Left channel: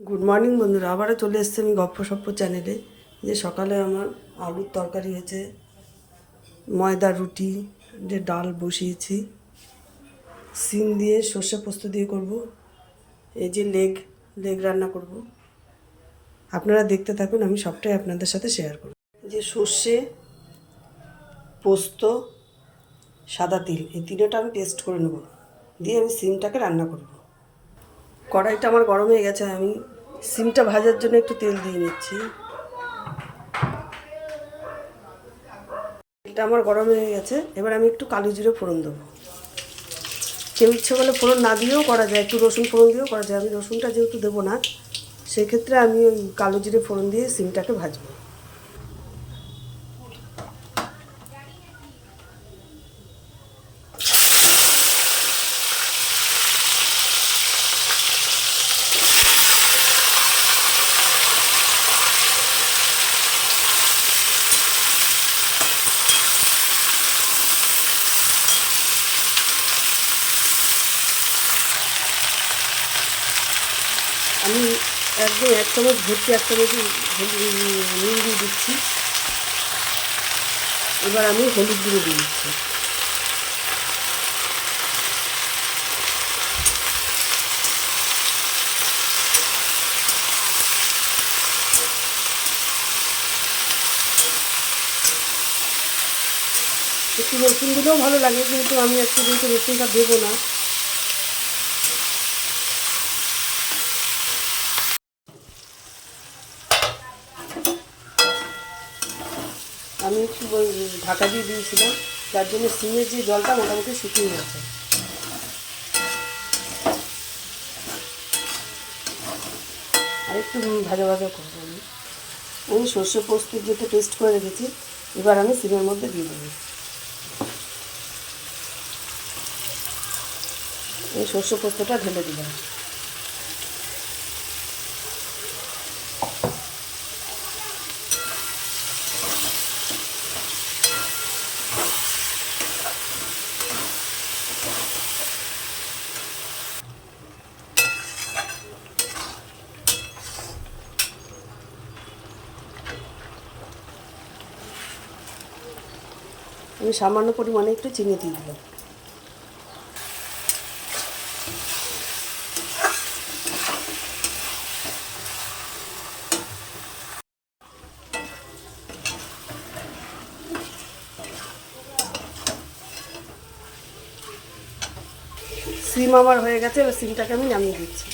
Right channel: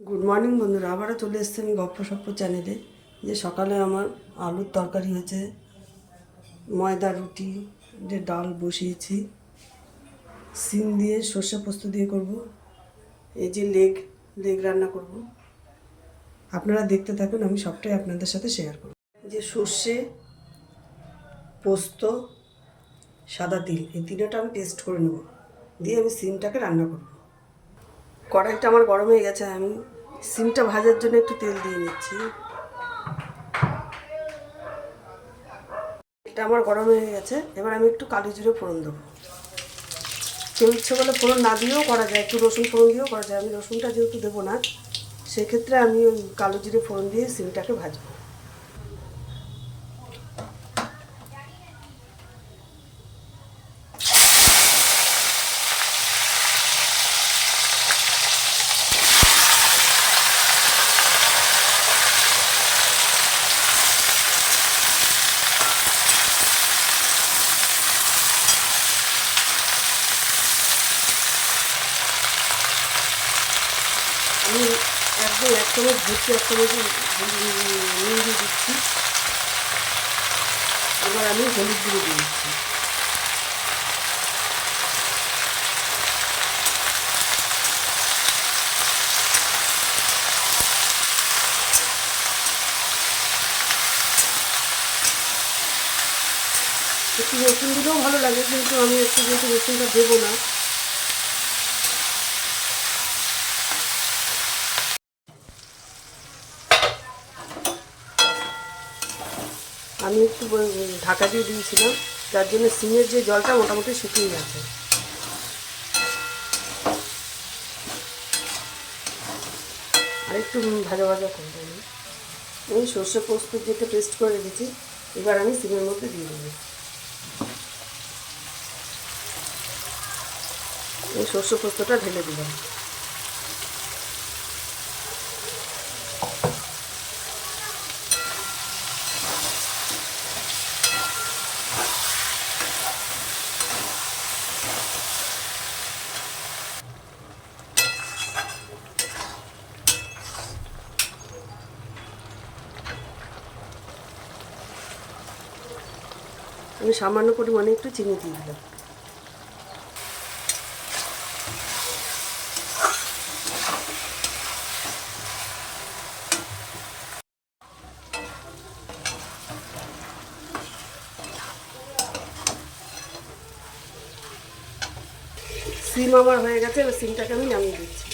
Good morning বন্ধুরা। আবারও চলে এসেছি আমি গপ্প সপ্প চ্যানেলে যে সকালে আমার আলুর তরকারি হয়েছে, ময়দা, রুটি, যে ডাল বসিয়েছি, সিম দিয়ে সর্ষে পোস্ত দিয়ে করব। এই যে লেগ লেগ রান্না করব। আপনারা দেখতে থাকুন, আমি সবটাই আপনাদের সাথে শেয়ার করব। যে সর্ষে পোস্ত, সাদা তিল, এই তিনটা আমি টেস্ট করে নেব। দিয়ে আমি সিমটাকে রান্না করব। কড়াইটা আমার গরম হয়ে গেছে, আমি সিমটা ভাজার জন্য একটু তেল দিয়ে নিচ্ছি। এটা আমার গরম হয়ে গেছে, এবার আমি একটু কালো জিরে ফোড়ন দেবো। কেউ ইচ্ছে করলে ফোড়ন না দিয়েও করা যায়, একটু রসুন ফোড়ন দিয়েও করা যায়, আমি রসুনটা যেহেতু দেবো না, সেক্ষেত্রে আমি ওই কালো জিরে ফোড়ন দিয়ে সিমটাকে ভাজবো। আমি একদম এক চামচ ভর্তি, এক চামচ নুন দিয়ে দিচ্ছি। এবার আমি হলুদ গুঁড়ো দিয়ে দিচ্ছি। একটু রসুন দিলেও ভালো লাগে, কিন্তু আমি একটু যেহেতু রসুনটা দেবো না আমি একটু ঢাকা দিয়ে দিয়েছিলাম যার জন্য সিমের যে জলটা মোটামুটি শুকিয়ে গেছে। আর একটু ভাজা ভাজা করব আমি আমি সর্ষে পোস্ত যেটা পেস্ট করে রেখেছি, এবার আমি সিমের মধ্যে দিয়ে দেবো। এই সর্ষে পোস্তটা ঢেলে দিলাম। আমি সামান্য পরিমাণে একটু চিনি দিয়ে দিলাম। সিম আমার হয়ে গেছে, এবার সিমটাকে আমি নামিয়ে দিচ্ছি।